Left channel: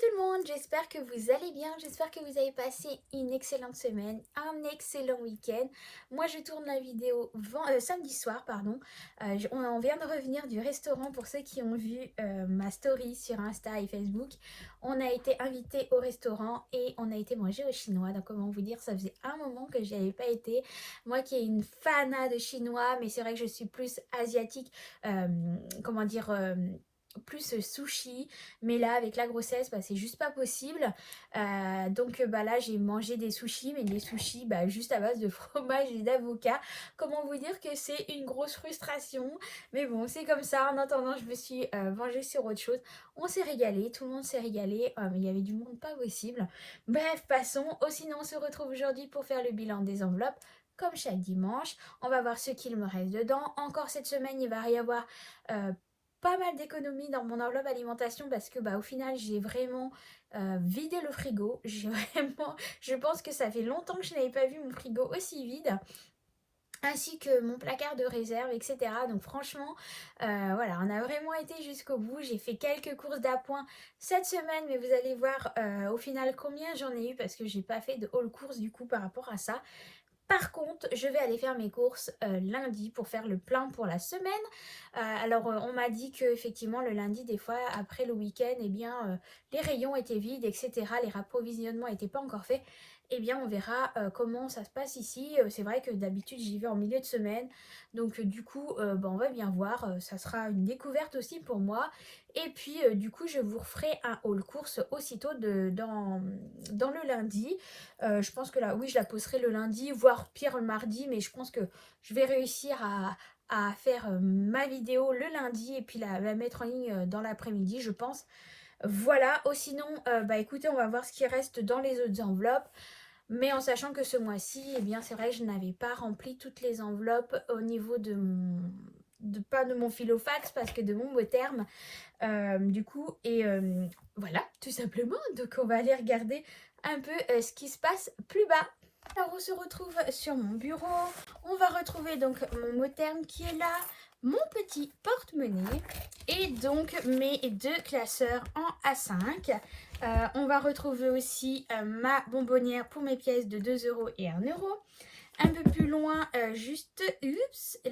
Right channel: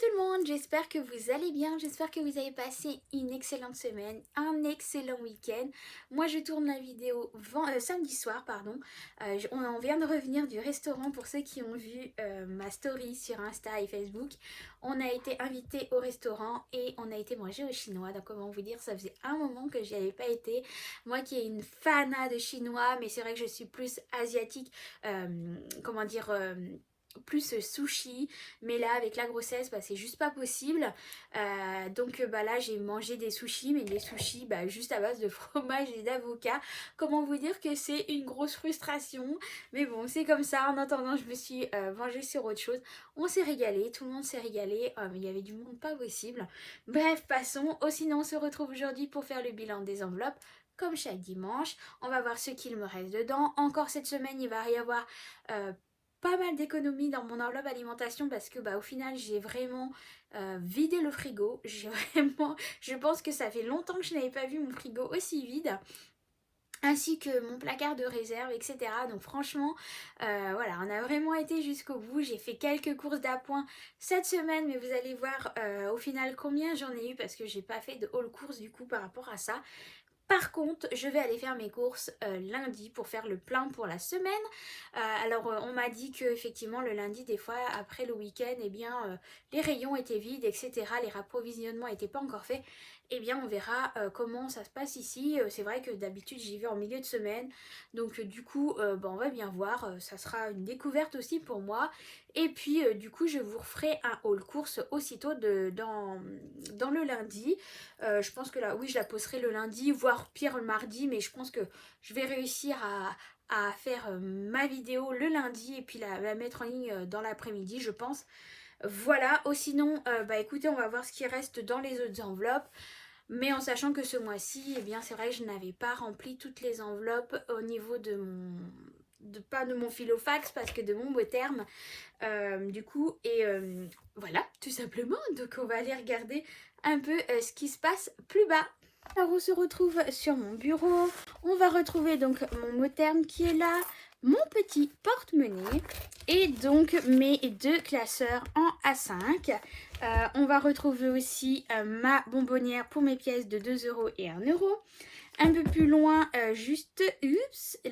tout le monde, j'espère que vous allez bien, j'espère que vous avez passé une excellente semaine, un excellent week-end. Moi je tourne la vidéo samedi soir, pardon. On vient de revenir du restaurant pour ceux qui ont vu ma story sur Insta et Facebook. On a été invités au restaurant et on a été manger au chinois. Donc comment vous dire, ça faisait un moment que j'y avais pas été. Moi qui est une fanat de chinois, mais c'est vrai que je suis plus asiatique, comment dire... plus sushi, mais là avec la grossesse c'est juste pas possible. Donc là j'ai mangé des sushis, mais des sushis juste à base de fromage et d'avocat. Comment vous dire que c'est une grosse frustration, mais bon c'est comme ça. En attendant je me suis vengée sur autre chose. On s'est régalé, tout le monde s'est régalé, mais il y avait du monde pas possible. Bref, passons. Sinon on se retrouve aujourd'hui pour faire le bilan des enveloppes comme chaque dimanche. On va voir ce qu'il me reste dedans. Encore cette semaine il va y avoir pas mal d'économies dans mon enveloppe alimentation parce que au final j'ai vraiment vidé le frigo. Je pense que ça fait longtemps que je n'avais pas vu mon frigo aussi vide, ainsi que mon placard de réserve, etc. Donc franchement, voilà, on a vraiment été jusqu'au bout. J'ai fait quelques courses d'appoint cette semaine, mais vous allez voir au final combien j'en ai eu parce que j'ai pas fait de haul course du coup par rapport à ça. Par contre, je vais aller faire mes courses lundi pour faire le plein pour la semaine. On m'a dit que effectivement le lundi, des fois après le week-end, les rayons étaient vides, etc. Les rapprovisionnements n'étaient pas encore faits. Eh bien, on verra comment ça se passe ici. C'est vrai que d'habitude, j'y vais en milieu de semaine. Donc, du coup, on va bien voir. Ça sera une découverte aussi pour moi. Et puis, du coup, je vous referai un haul course aussitôt dans le lundi. Je pense que là, oui, je la posterai le lundi, voire pire le mardi. Mais je pense que je vais réussir à faire ma vidéo le lundi et puis la mettre en ligne dans l'après-midi, je pense. Voilà. Sinon, écoutez, on va voir ce qui reste dans les autres enveloppes. Mais en sachant que ce mois-ci, eh bien c'est vrai que je n'avais pas rempli toutes les enveloppes au niveau de mon... pas de mon filofax parce que de mon mot terme. Du coup, voilà, tout simplement. Donc on va aller regarder un peu ce qui se passe plus bas. Alors on se retrouve sur mon bureau. On va retrouver donc mon mot terme qui est là, mon petit porte-monnaie et donc mes deux classeurs en A5. On va retrouver aussi ma bonbonnière pour mes pièces de 2 € et 1 €. Un peu plus loin,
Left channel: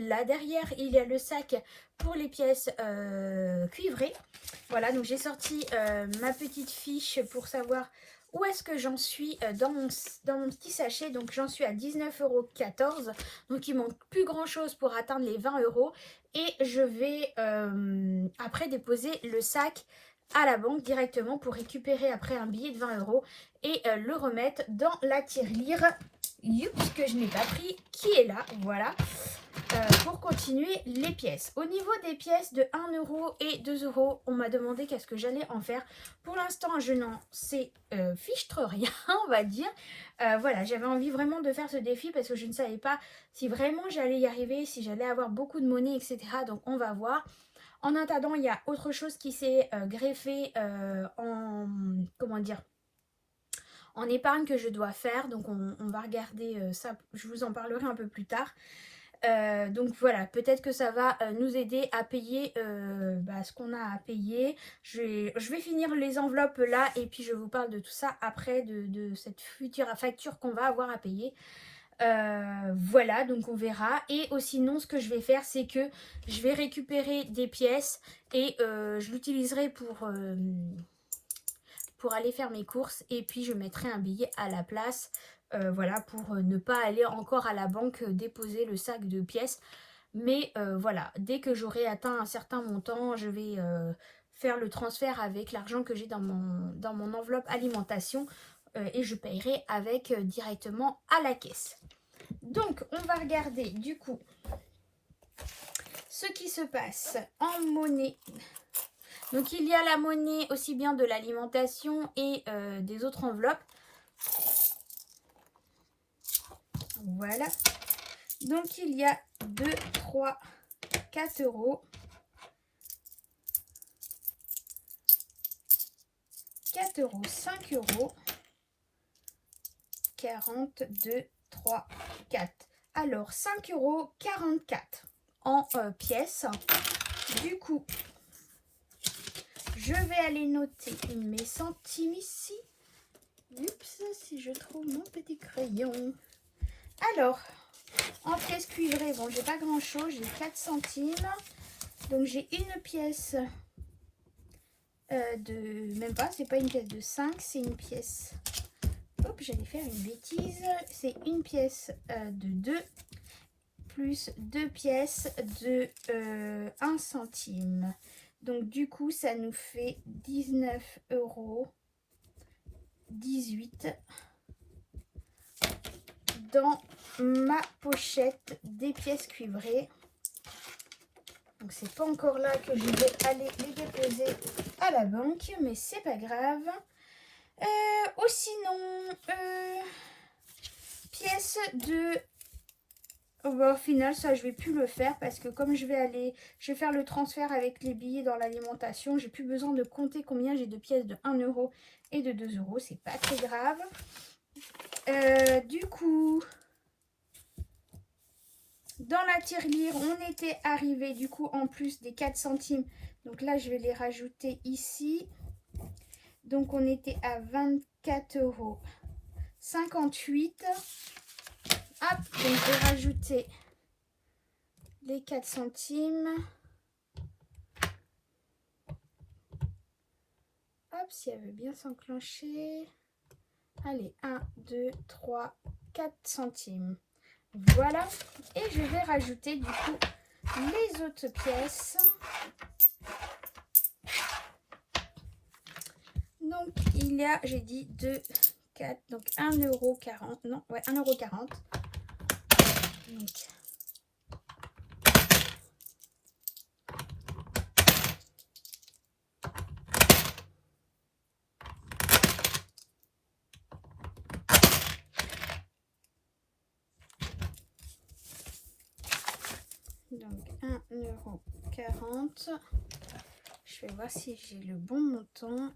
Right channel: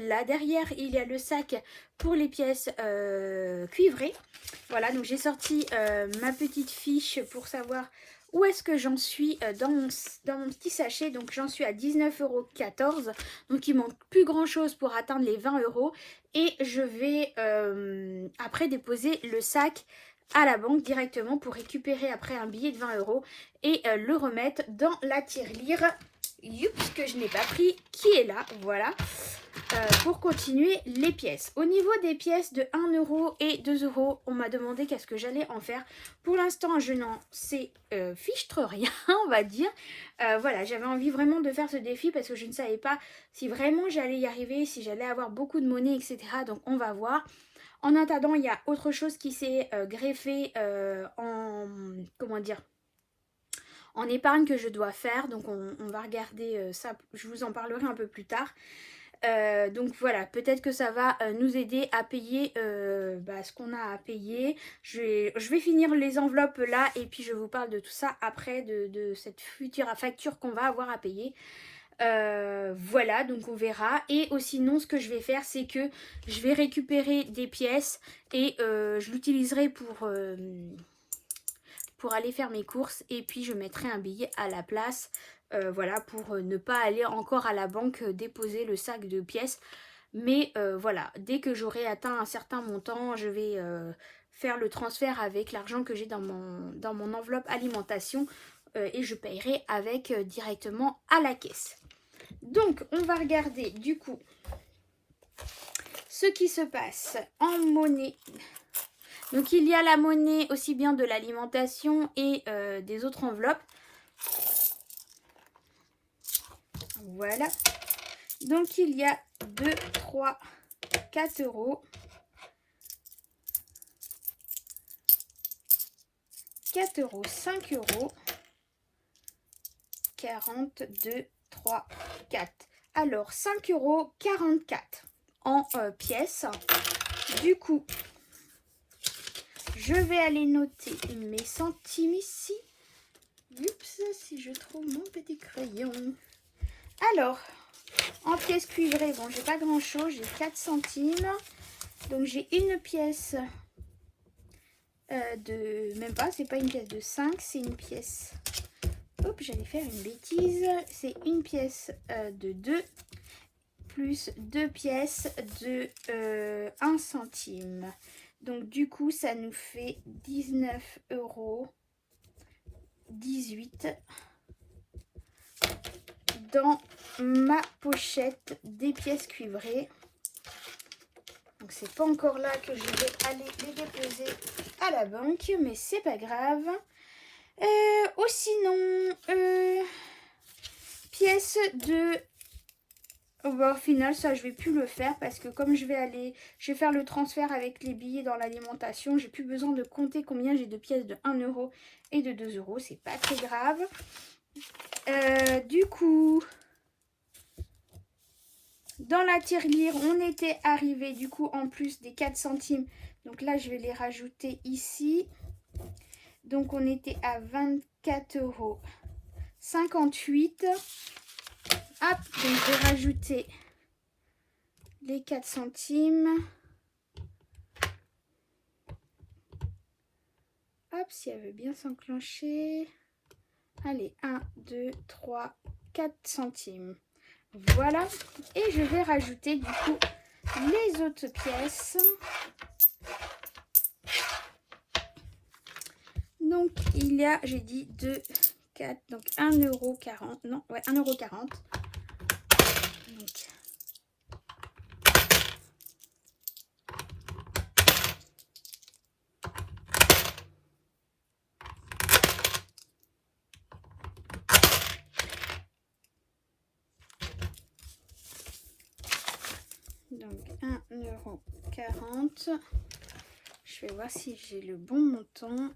là derrière, il y a le sac pour les pièces cuivrées. Voilà, donc j'ai sorti ma petite fiche pour savoir où est-ce que j'en suis dans mon petit sachet. Donc j'en suis à 19,14 €. Donc il manque plus grand chose pour atteindre les 20 €. Et je vais après déposer le sac à la banque directement pour récupérer après un billet de 20 € et le remettre dans la tirelire que je n'ai pas pris, qui est là, voilà, pour continuer les pièces. Au niveau des pièces de 1 € et 2 €, on m'a demandé qu'est-ce que j'allais en faire. Pour l'instant, je n'en sais fichtre rien, on va dire. Voilà, j'avais envie vraiment de faire ce défi parce que je ne savais pas si vraiment j'allais y arriver, si j'allais avoir beaucoup de monnaie, etc. Donc, on va voir. En attendant, il y a autre chose qui s'est greffé en... comment dire, en épargne que je dois faire. Donc on va regarder ça, je vous en parlerai un peu plus tard. Donc voilà, peut-être que ça va nous aider à payer ce qu'on a à payer. Je vais finir les enveloppes là et puis je vous parle de tout ça après, de cette future facture qu'on va avoir à payer. Voilà, donc on verra. Et sinon, ce que je vais faire, c'est que je vais récupérer des pièces et je l'utiliserai pour aller faire mes courses et puis je mettrai un billet à la place, voilà, pour ne pas aller encore à la banque déposer le sac de pièces. Mais voilà, dès que j'aurai atteint un certain montant, je vais faire le transfert avec l'argent que j'ai dans mon enveloppe alimentation et je paierai avec directement à la caisse. Donc on va regarder du coup ce qui se passe en monnaie. Donc il y a la monnaie aussi bien de l'alimentation et des autres enveloppes. Voilà. Donc il y a 2, 3, 4 €. 4 €, 5 €. 42, 3, 4. Alors 5,44 € en pièces. Du coup, je je vais aller noter mes centimes ici. Oups, si je trouve mon petit crayon. Alors, en pièces cuivrées, bon, j'ai pas grand chose, j'ai 4 centimes. Donc, j'ai une pièce de. Même pas, c'est pas une pièce de 5, c'est une pièce. Hop, j'allais faire une bêtise. C'est une pièce de 2 plus 2 pièces de 1 centime. Donc, du coup, ça nous fait 19,18 € dans ma pochette des pièces cuivrées. Donc c'est pas encore là que je vais aller les déposer à la banque, mais c'est pas grave. Ou sinon, pièces de... Bon, au final, ça je vais plus le faire parce que comme je vais faire le transfert avec les billets dans l'alimentation, j'ai plus besoin de compter combien j'ai de pièces de 1 € et de 2 €, c'est pas très grave. Du coup, dans la tirelire, on était arrivé du coup en plus des 4 centimes. Donc là, je vais les rajouter ici. Donc on était à 24,58 €. Hop, donc je vais rajouter les 4 centimes. Hop, si elle veut bien s'enclencher. Allez, 1, 2, 3, 4 centimes. Voilà. Et je vais rajouter du coup les autres pièces. Donc, il y a, j'ai dit 2, 4, donc 1,40 €. Non, ouais, 1,40 €. Donc 1,40 €. Je vais voir si j'ai le bon montant.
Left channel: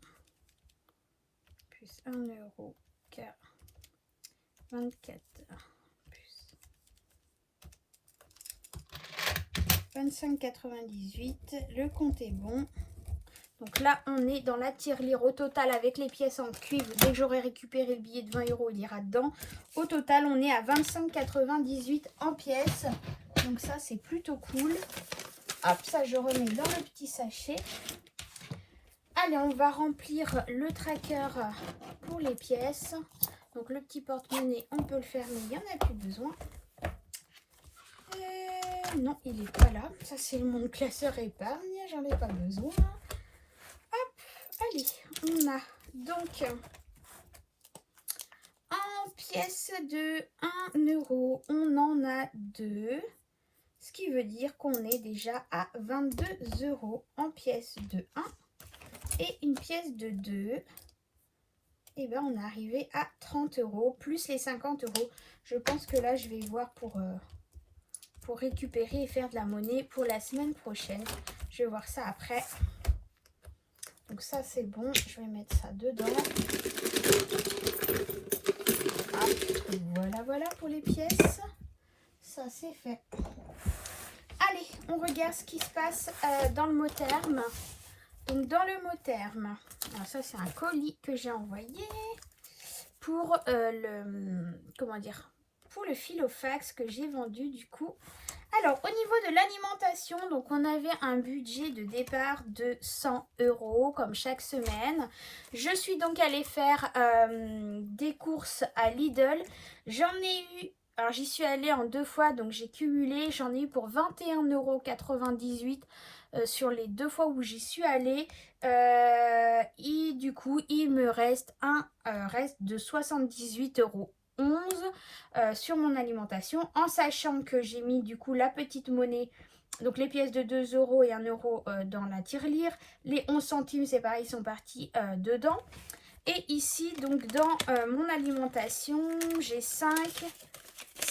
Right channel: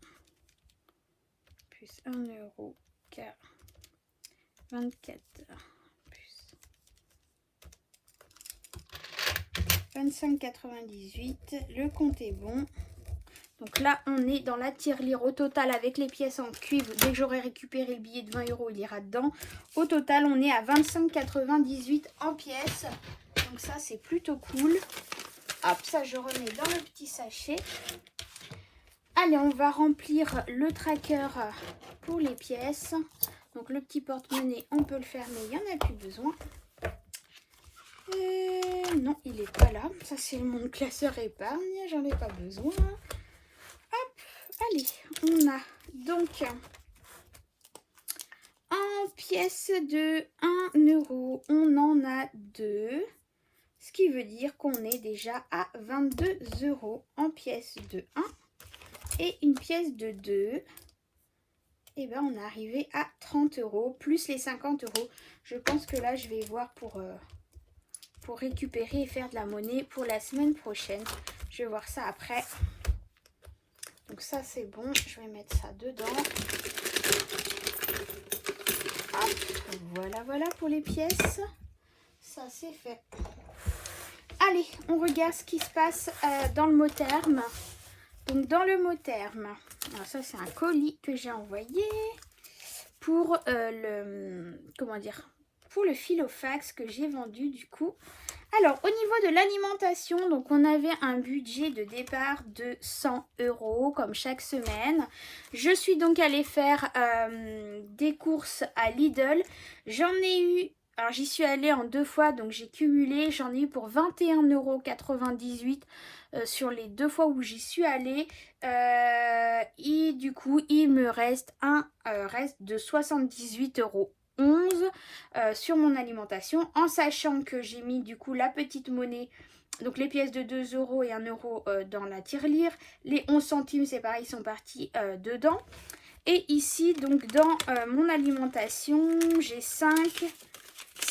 Plus 1,24 € plus 25,98 €. Le compte est bon. Donc là, on est dans la tirelire au total avec les pièces en cuivre. Dès que j'aurai récupéré le billet de 20 €, il ira dedans. Au total, on est à 25,98 € en pièces. Donc ça, c'est plutôt cool. Hop, ça, je remets dans le petit sachet. Allez, on va remplir le tracker pour les pièces. Donc le petit porte-monnaie, on peut le fermer, il n'y en a plus besoin. Non, il n'est pas là. Ça, c'est mon classeur épargne, j'en ai pas besoin. Hop, allez, on a donc en pièces de 1 €, on en a 2. Ce qui veut dire qu'on est déjà à 22 € en pièces de 1. Et une pièce de 2, et ben on est arrivé à 30 € plus les 50 €. Je pense que là, je vais voir pour récupérer et faire de la monnaie pour la semaine prochaine. Je vais voir ça après. Donc ça, c'est bon. Je vais mettre ça dedans. Voilà, voilà pour les pièces. Ça, c'est fait. Allez, on regarde ce qui se passe dans le mot terme. Donc dans le mot terme, alors ça c'est un colis que j'ai envoyé pour pour le Filofax que j'ai vendu du coup. Alors au niveau de l'alimentation, donc on avait un budget de départ de 100 € comme chaque semaine. Je suis donc allée faire des courses à Lidl. J'en ai eu, alors j'y suis allée en 2 fois, donc j'ai cumulé, j'en ai eu pour 21,98 € sur les 2 fois où j'y suis allée. Et du coup, il me reste un reste de 78,11 € sur mon alimentation, en sachant que j'ai mis du coup la petite monnaie, donc les pièces de 2 € et 1 € dans la tirelire. Les 11 centimes, c'est pareil, sont partis dedans. Et ici, donc dans mon alimentation, j'ai 5,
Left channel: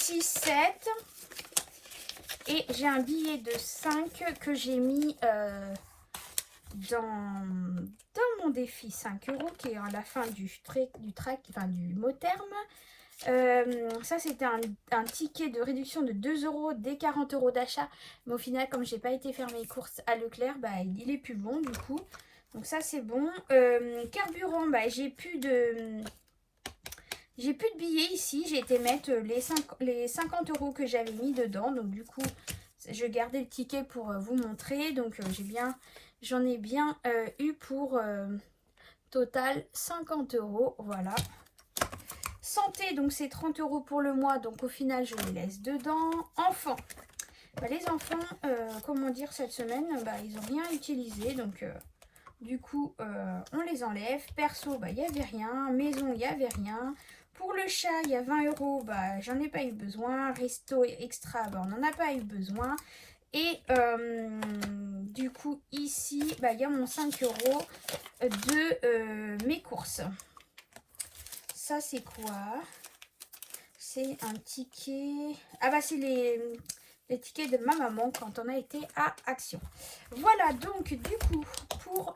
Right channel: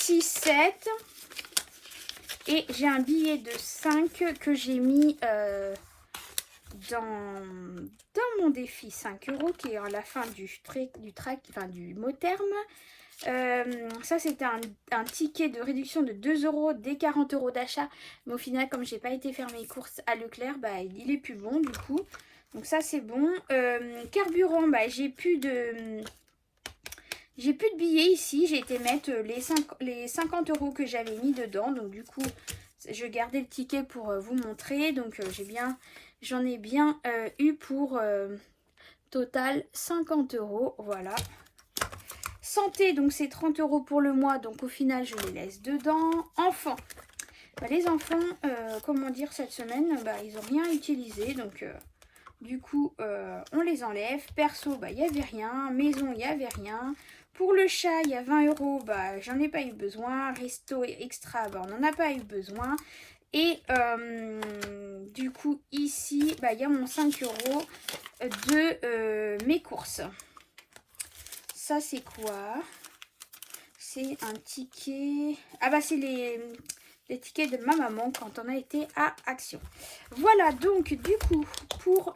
6, 7. Et j'ai un billet de 5 que j'ai mis dans mon défi 5 € qui est à la fin du mot terme. Ça, c'était un ticket de réduction de 2 € des 40 € d'achat. Mais au final, comme j'ai pas été faire mes courses à Leclerc, bah, il est plus bon du coup. Donc ça c'est bon. Carburant, bah, j'ai plus de billets ici. J'ai été mettre les 50 € que j'avais mis dedans. Donc du coup, je gardais le ticket pour vous montrer. Donc j'en ai bien eu pour total 50 €. Voilà. Santé, donc c'est 30 € pour le mois. Donc au final, je les laisse dedans. Enfants. Bah, les enfants, comment dire, cette semaine, bah, ils n'ont rien utilisé. Donc du coup, on les enlève. Perso, bah, il n'y avait rien. Maison, il n'y avait rien. Pour le chat, il y a 20 €. Bah, j'en ai pas eu besoin. Resto extra, bah, on n'en a pas eu besoin. Et du coup, ici, bah, il y a mon 5 € de mes courses. Ça, c'est quoi? C'est un ticket. Ah bah, c'est les tickets de ma maman quand on a été à Action. Voilà, donc du coup, pour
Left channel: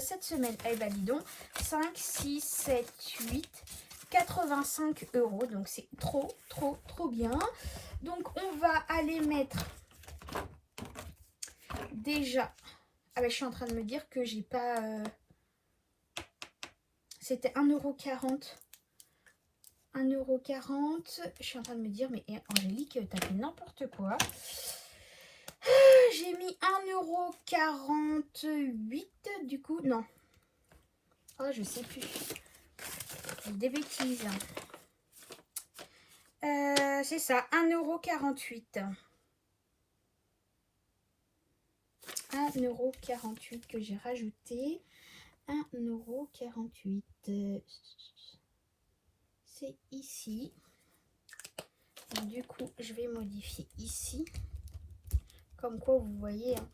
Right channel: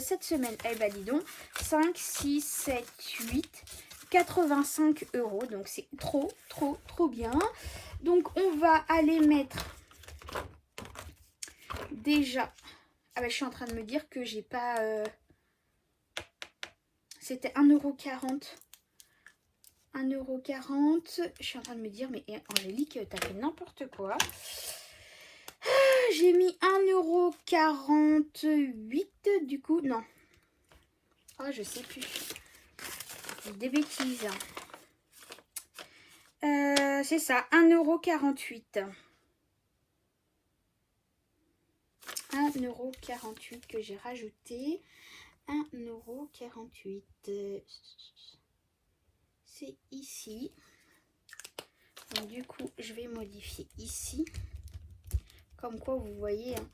cette semaine, eh ben dis donc, 5, 6, 7, 8, 85 €. Donc c'est trop, trop, trop bien. Donc on va aller mettre déjà... Ah bah, je suis en train de me dire que j'ai pas... C'était 1,40 €. 1,40 €. Je suis en train de me dire, mais Angélique, t'as fait n'importe quoi. J'ai mis 1,48 € du coup. Non. Oh, je sais plus. Des bêtises. C'est ça, 1,48 €. 1,48 € que j'ai rajouté. 1,48 €. C'est ici. Donc, du coup, je vais modifier ici. Comme quoi, vous voyez, hein,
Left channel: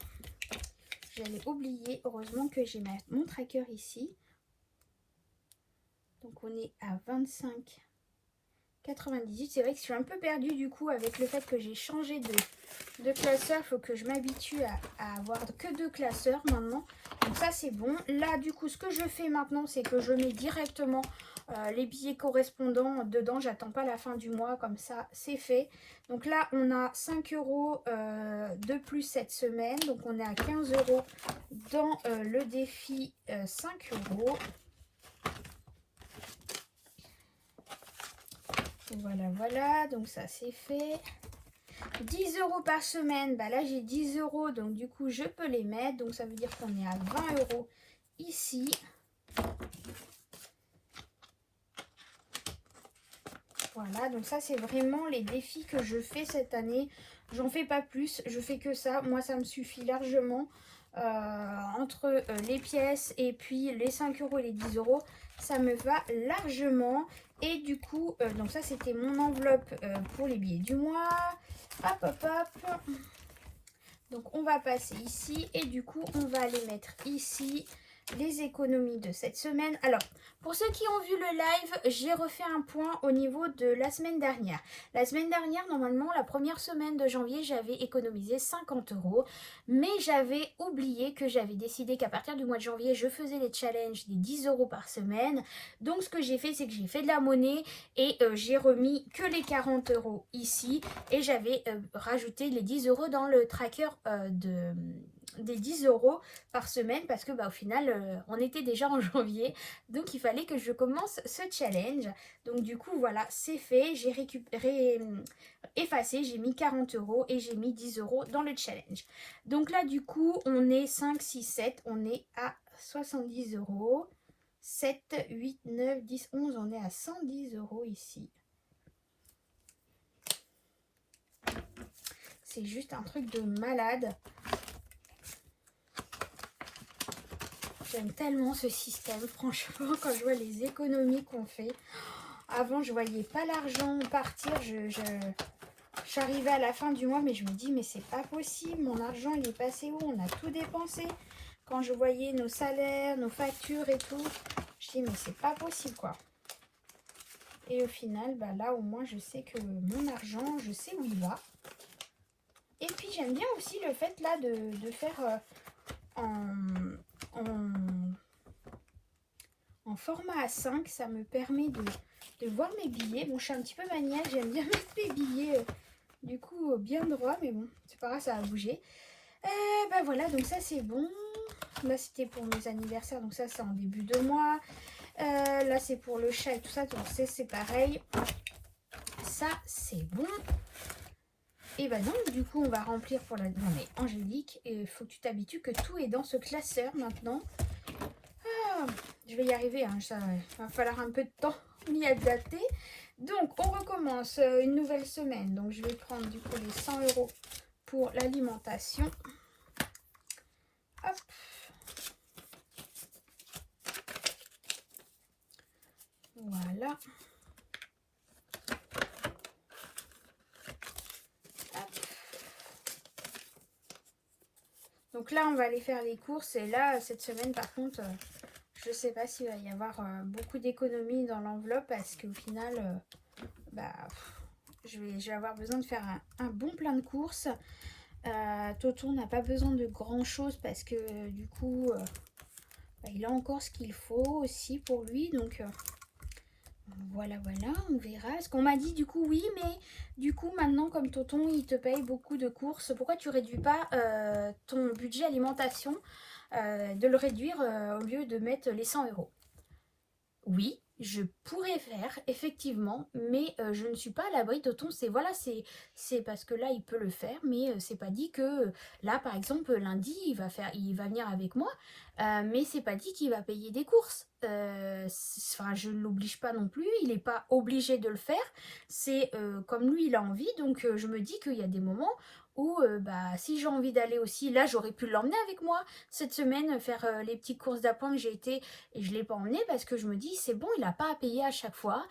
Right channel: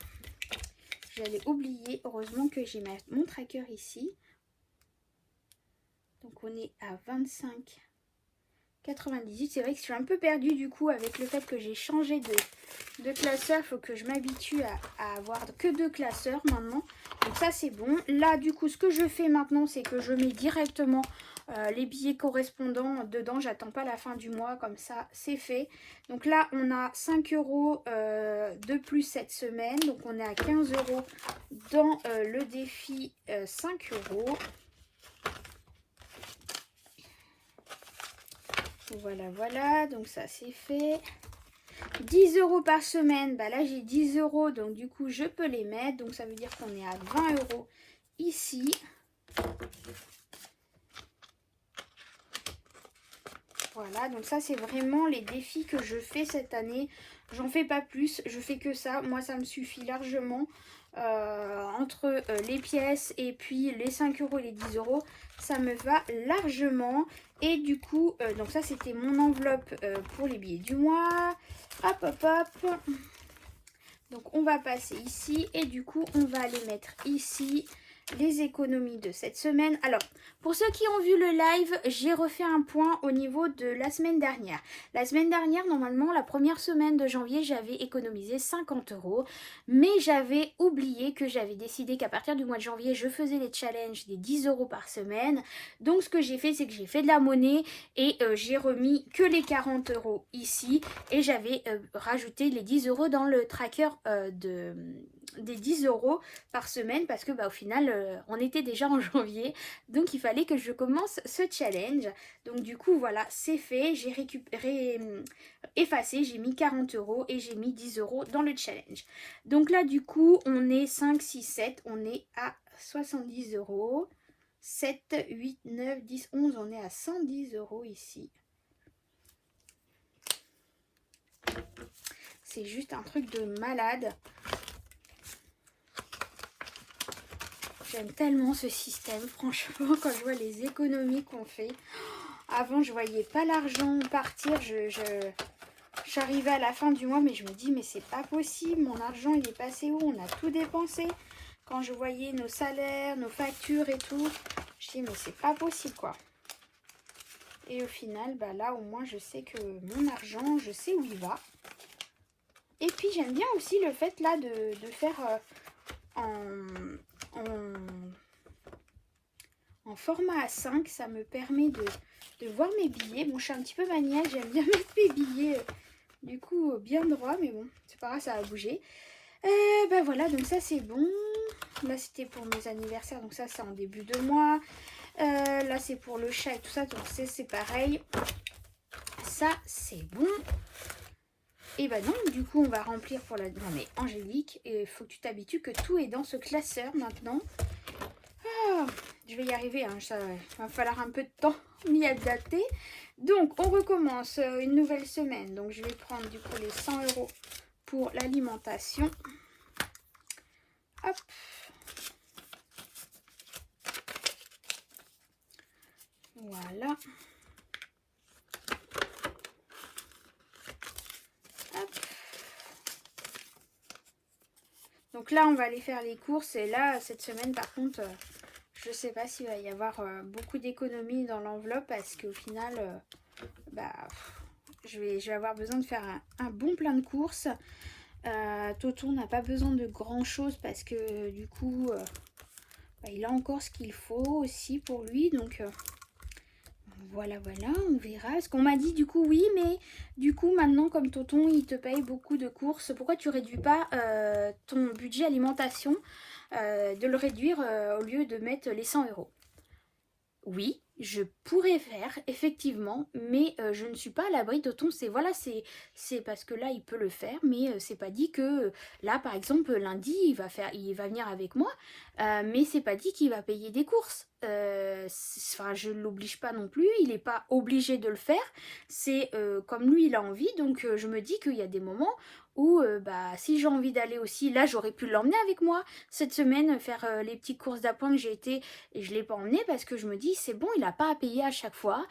j'avais oublié. Heureusement que j'ai mon tracker ici. Donc, on est à 25,98. C'est vrai que je suis un peu perdue du coup avec le fait que j'ai changé de classeur. Il faut que je m'habitue à avoir que 2 classeurs maintenant. Donc ça c'est bon. Là du coup ce que je fais maintenant c'est que je mets directement les billets correspondants dedans. J'attends pas la fin du mois, comme ça c'est fait. Donc là on a 5 € de plus cette semaine. Donc on est à 15 € dans le défi 5 €. Voilà, voilà, donc ça c'est fait. 10 € par semaine, bah là j'ai 10 €, donc du coup je peux les mettre. Donc ça veut dire qu'on est à 20 € ici. Voilà, donc ça c'est vraiment les défis que je fais cette année. J'en fais pas plus, je fais que ça. Moi ça me suffit largement. Entre les pièces et puis les 5 € et les 10 €, ça me va largement. Et du coup, donc ça c'était mon enveloppe pour les billets du mois. Hop, hop, hop. Donc on va passer ici et du coup on va aller mettre ici les économies de cette semaine. Alors, pour ceux qui ont vu le live, j'ai refait un point au niveau de la semaine dernière. La semaine dernière, normalement, la première semaine de janvier, j'avais économisé 50 €. Mais j'avais oublié que j'avais décidé qu'à partir du mois de janvier, je faisais les challenges des 10 € par semaine. Donc, ce que j'ai fait, c'est que j'ai fait de la monnaie et j'ai remis que les 40 € ici. Et j'avais rajouté les 10 € dans le tracker des 10 € par semaine parce que bah, au final on était déjà en janvier, donc il fallait que je commence ce challenge. Donc du coup voilà, c'est fait, j'ai récupéré, effacé, j'ai mis 40 € et j'ai mis 10 € dans le challenge. Donc là du coup on est 5, 6, 7, on est à 70 €. 7, 8, 9, 10, 11, on est à 110 € ici. C'est juste un truc de malade. J'aime tellement ce système, franchement, quand je vois les économies qu'on fait. Avant, je voyais pas l'argent partir, j'arrivais à la fin du mois, mais je me dis, mais c'est pas possible, mon argent, il est passé où? On a tout dépensé. Quand je voyais nos salaires, nos factures et tout, je dis, mais c'est pas possible, quoi. Et au final, bah là, au moins, je sais que mon argent, je sais où il va. Et puis, j'aime bien aussi le fait, là, de faire en format A5, ça me permet de voir mes billets. Bon, je suis un petit peu maniaque, j'aime bien mettre mes billets du coup bien droit, mais bon, c'est pas grave, ça va bouger. Et ben voilà, donc ça c'est bon. Là c'était pour mes anniversaires, donc ça c'est en début de mois. Là c'est pour le chat et tout ça, donc c'est pareil. Ça c'est bon. Et bah donc du coup on va remplir pour la... Non mais Angélique, il faut que tu t'habitues que tout est dans ce classeur maintenant. Ah, je vais y arriver, hein, ça va falloir un peu de temps m'y adapter. Donc on recommence une nouvelle semaine. Donc je vais prendre du coup les 100 € pour l'alimentation. Hop. Voilà. Hop. Donc là, on va aller faire les courses. Et là, cette semaine, par contre, je ne sais pas s'il va y avoir beaucoup d'économies dans l'enveloppe parce qu'au final, bah, je vais avoir besoin de faire un bon plein de courses. Toton n'a pas besoin de grand chose parce que du coup, bah, il a encore ce qu'il faut aussi pour lui. Donc voilà, on verra. Ce qu'on m'a dit du coup, oui, mais du coup maintenant comme Toton il te paye beaucoup de courses, pourquoi tu réduis pas ton budget alimentation, de le réduire au lieu de mettre les 100 €? Oui, je pourrais faire, effectivement, mais je ne suis pas à l'abri de ton. C'est parce que là, il peut le faire, mais c'est pas dit que là, par exemple, lundi, il va venir avec moi, mais c'est pas dit qu'il va payer des courses. Enfin, je ne l'oblige pas non plus, il n'est pas obligé de le faire. C'est comme lui, il a envie, donc je me dis qu'il y a des moments où, bah, si j'ai envie d'aller aussi, là, j'aurais pu l'emmener avec moi cette semaine, faire les petites courses d'appoint que j'ai été et je ne l'ai pas emmené parce que je me dis, c'est bon, il n'a pas à payer à chaque fois.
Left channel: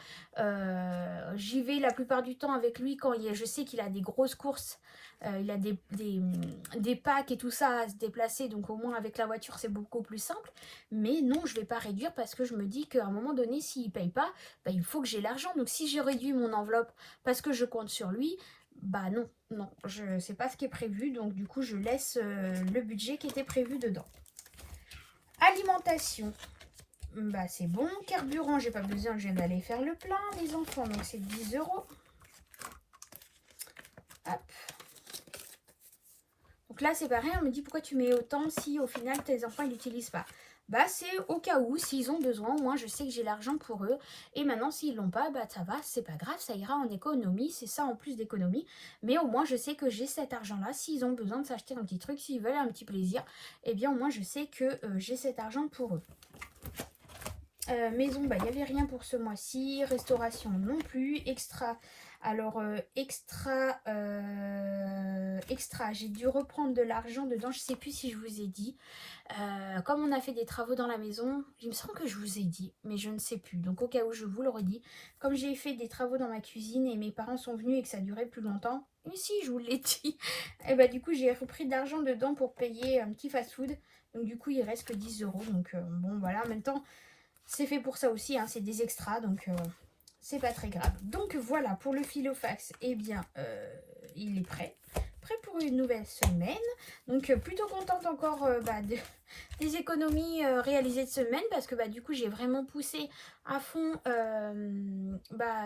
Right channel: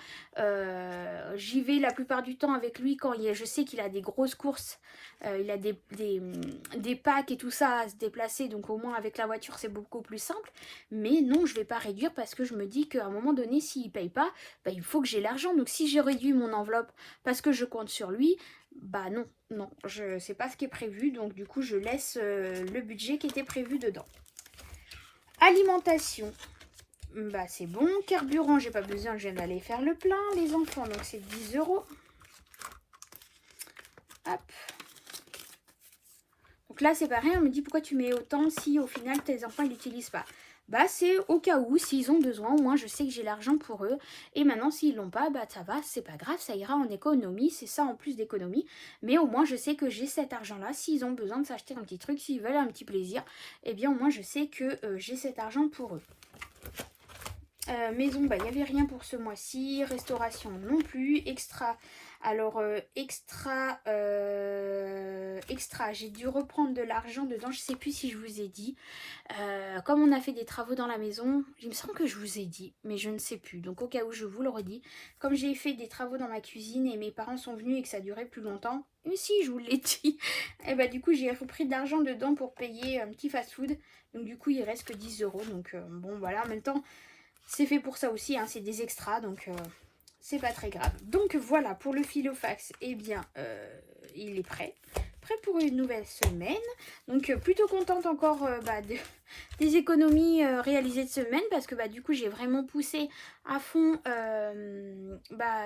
J'y vais la plupart du temps avec lui quand je sais qu'il a des grosses courses. Il a des packs et tout ça à se déplacer. Donc au moins avec la voiture, c'est beaucoup plus simple. Mais non, je ne vais pas réduire parce que je me dis qu'à un moment donné, s'il ne paye pas, bah, il faut que j'ai l'argent. Donc si j'ai réduit mon enveloppe parce que je compte sur lui, bah non, je sais pas ce qui est prévu. Donc du coup, je laisse le budget qui était prévu dedans. Alimentation. Bah c'est bon, carburant, j'ai pas besoin, je viens d'aller faire le plein, les enfants, donc c'est 10 €. Hop. Donc là c'est pareil, on me dit pourquoi tu mets autant si au final tes enfants ils l'utilisent pas. Bah c'est au cas où, s'ils ont besoin, au moins je sais que j'ai l'argent pour eux. Et maintenant s'ils l'ont pas, bah ça va, c'est pas grave, ça ira en économie, c'est ça en plus d'économie. Mais au moins je sais que j'ai cet argent-là, s'ils ont besoin de s'acheter un petit truc, s'ils veulent un petit plaisir, eh bien au moins je sais que j'ai cet argent pour eux. Maison, bah il n'y avait rien pour ce mois-ci. Restauration non plus. Extra. Alors extra, j'ai dû reprendre de l'argent dedans. Je sais plus si je vous ai dit. Comme on a fait des travaux dans la maison, il me semble que je vous ai dit, mais je ne sais plus. Donc au cas où je vous le redis. Comme j'ai fait des travaux dans ma cuisine et mes parents sont venus et que ça durait plus longtemps. Mais si, je vous l'ai dit. Et bah du coup j'ai repris de l'argent dedans pour payer un petit fast-food. Donc du coup il reste que 10 €. Donc bon voilà, en même temps. C'est fait pour ça aussi, hein, c'est des extras, donc c'est pas très grave. Donc voilà, pour le filofax, eh bien, il est prêt. Prêt pour une nouvelle semaine. Donc plutôt contente encore des économies réalisées de semaine parce que du coup j'ai vraiment poussé à fond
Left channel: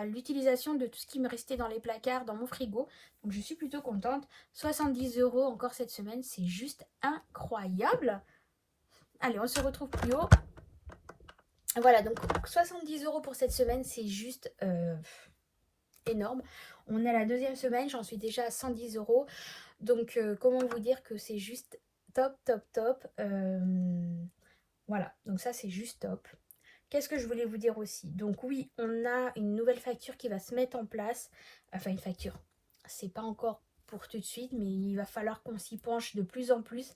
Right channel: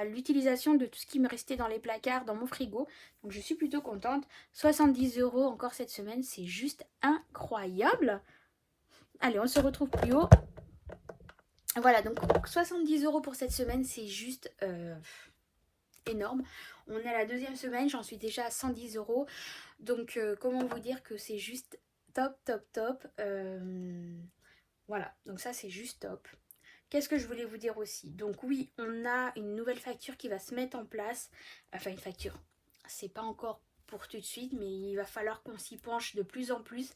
l'utilisation de tout ce qui me restait dans les placards, dans mon frigo. Donc je suis plutôt contente. 70 € encore cette semaine, c'est juste incroyable. Allez, on se retrouve plus haut. Voilà, donc 70 € pour cette semaine, c'est juste énorme. On est à la deuxième semaine, j'en suis déjà à 110 €. Donc, comment vous dire que c'est juste top. Voilà, donc ça, c'est juste top. Qu'est-ce que je voulais vous dire aussi? Donc oui, on a une nouvelle facture qui va se mettre en place. Enfin, une facture. C'est pas encore pour tout de suite, mais il va falloir qu'on s'y penche de plus en plus.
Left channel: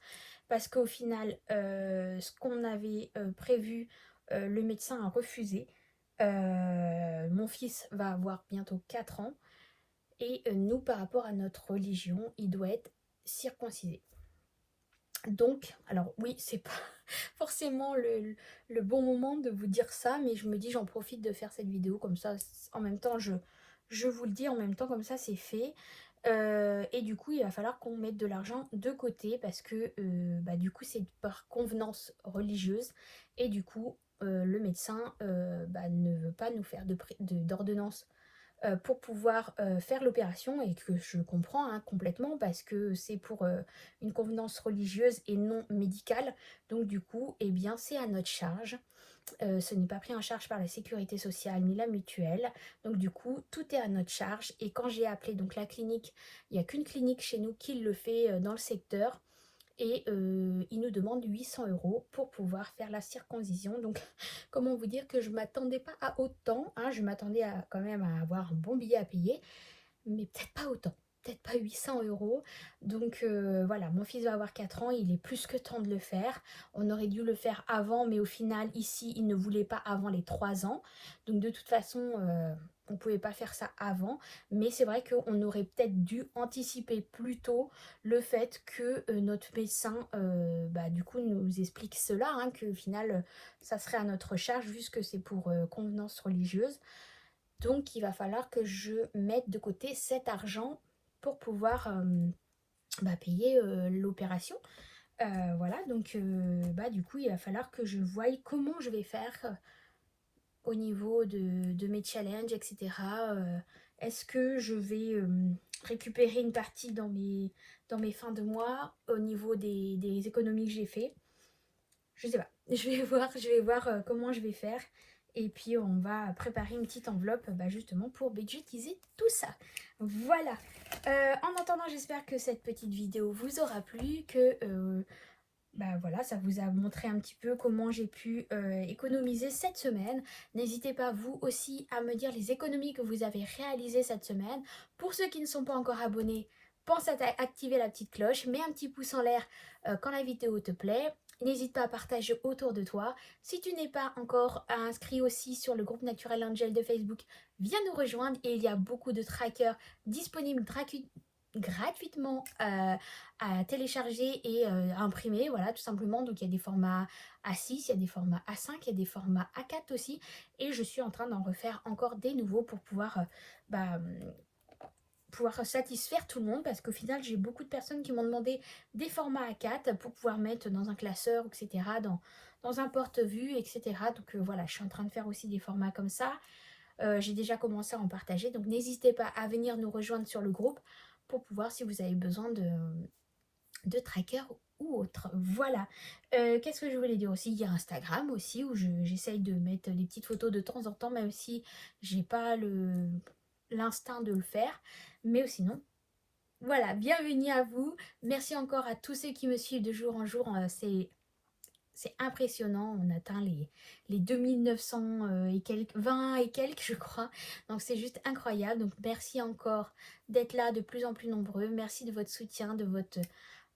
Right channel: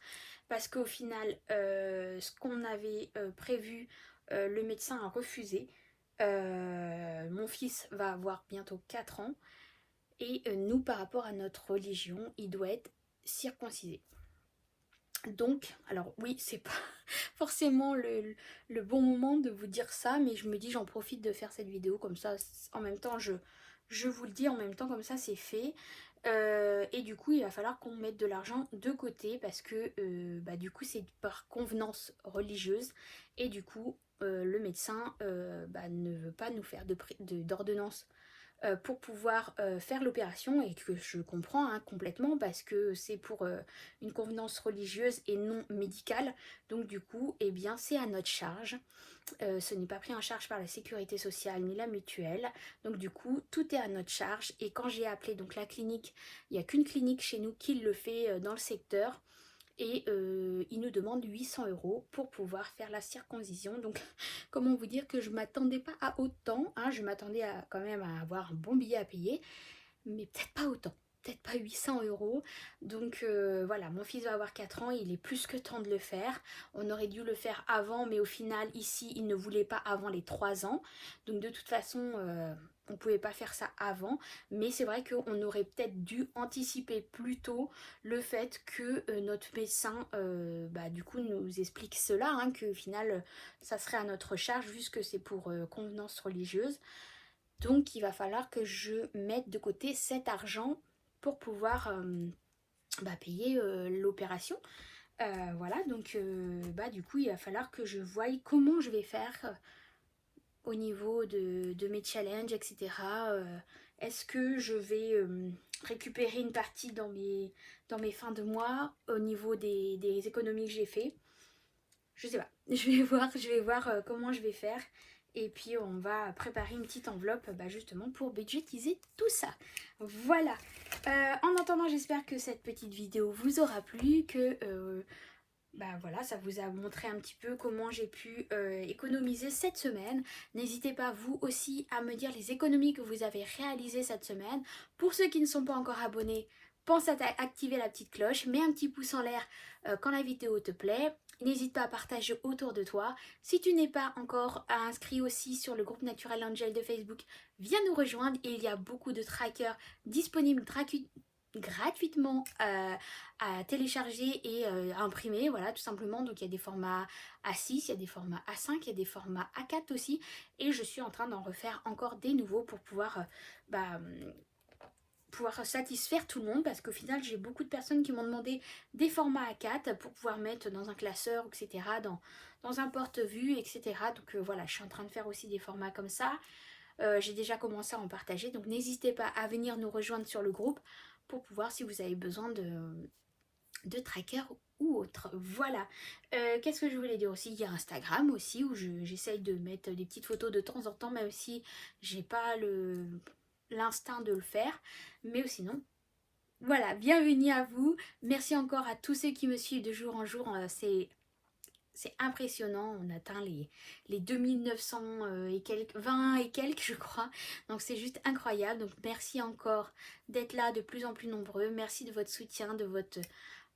Parce qu'au final, ce qu'on avait prévu, le médecin a refusé. Mon fils va avoir bientôt 4 ans. Et nous, par rapport à notre religion, il doit être circoncisé. Donc, alors oui, c'est pas forcément le bon moment de vous dire ça, mais je me dis j'en profite de faire cette vidéo comme ça, en même temps je vous le dis, en même temps comme ça c'est fait. Et du coup il va falloir qu'on mette de l'argent de côté parce que du coup c'est par convenance religieuse et du coup le médecin ne veut pas nous faire d'ordonnance pour pouvoir faire l'opération, et que je comprends hein, complètement parce que c'est pour une convenance religieuse et non médicale. Donc du coup, eh bien, c'est à notre charge. Ce n'est pas pris en charge par la sécurité sociale ni la mutuelle. Donc du coup, tout est à notre charge. Et quand j'ai appelé donc la clinique, il n'y a qu'une clinique chez nous qui le fait dans le secteur. Et ils nous demandent 800 € pour pouvoir faire la circoncision. Donc comment vous dire que je ne m'attendais pas à autant. Hein. Je m'attendais quand même à avoir un bon billet à payer. Mais peut-être pas autant. Peut-être pas 800 €. Donc voilà, mon fils va avoir 4 ans, il est plus que temps de le faire. On aurait dû le faire avant, mais au final, ici, il ne voulait pas avant les 3 ans. Donc de toute façon, on ne pouvait pas faire ça avant. Mais c'est vrai qu'on aurait peut-être dû anticiper plus tôt le fait que notre médecin, du coup, nous explique cela, hein, qu'au final, ça serait à notre charge, vu que c'est pour convenance religieuse. Donc, il va falloir que je mette de côté cet argent pour pouvoir payer l'opération. Voilà, donc du coup, il va falloir que je voie comment je vais faire au niveau de mes challenges, etc. Est-ce que je vais récupérer une partie dans mes fins de mois au niveau des économies que j'ai fait? Je sais pas. Je vais voir comment je vais faire. Et puis on va préparer une petite enveloppe justement pour budgétiser tout ça. Voilà. En attendant, j'espère que cette petite vidéo vous aura plu, que voilà, ça vous a montré un petit peu comment j'ai pu économiser cette semaine. N'hésitez pas vous aussi à me dire les économies que vous avez réalisées cette semaine. Pour ceux qui ne sont pas encore abonnés, pense à activer la petite cloche, mets un petit pouce en l'air quand la vidéo te plaît. N'hésite pas à partager autour de toi. Si tu n'es pas encore inscrit aussi sur le groupe Natural Angel de Facebook, viens nous rejoindre. Il y a beaucoup de trackers disponibles gratuitement à télécharger et à imprimer, voilà, tout simplement. Donc il y a des formats A6, il y a des formats A5, il y a des formats A4 aussi, et je suis en train d'en refaire encore des nouveaux pour pouvoir pouvoir satisfaire tout le monde, parce qu'au final j'ai beaucoup de personnes qui m'ont demandé des formats A4 pour pouvoir mettre dans un classeur, etc., dans un porte-vue, etc. Donc voilà, je suis en train de faire aussi des formats comme ça. J'ai déjà commencé à en partager, donc n'hésitez pas à venir nous rejoindre sur le groupe pour pouvoir, si vous avez besoin de tracker ou autre. Voilà. Qu'est-ce que je voulais dire aussi? Il y a Instagram aussi, où j'essaye de mettre des petites photos de temps en temps, même si j'ai pas l'instinct de le faire. Mais sinon, voilà, bienvenue à vous. Merci encore à tous ceux qui me suivent de jour en jour. C'est impressionnant, on atteint les 2900 et quelques, 20 et quelques je crois. Donc c'est juste incroyable. Donc merci encore d'être là de plus en plus nombreux. Merci de votre soutien, de votre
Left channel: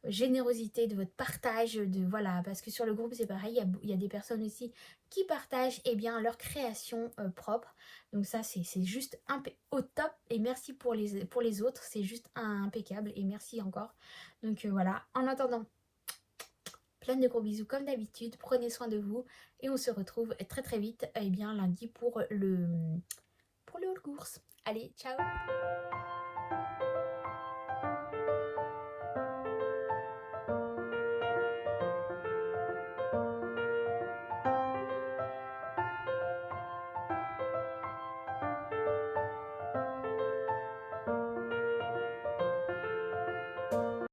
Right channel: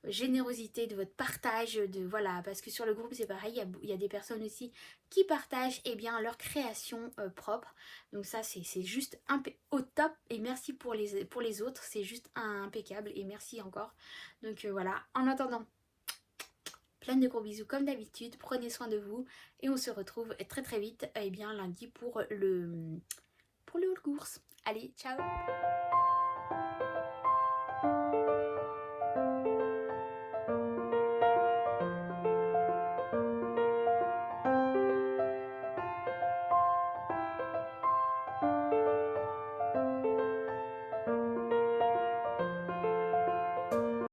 générosité, de votre partage, voilà, parce que sur le groupe c'est pareil, il y a des personnes aussi qui partagent leur création propre. Donc ça c'est juste au top, et merci pour les autres, c'est juste impeccable, et merci encore. Donc voilà, en attendant, plein de gros bisous comme d'habitude, prenez soin de vous, et on se retrouve très très vite lundi pour le haul course. Allez, ciao.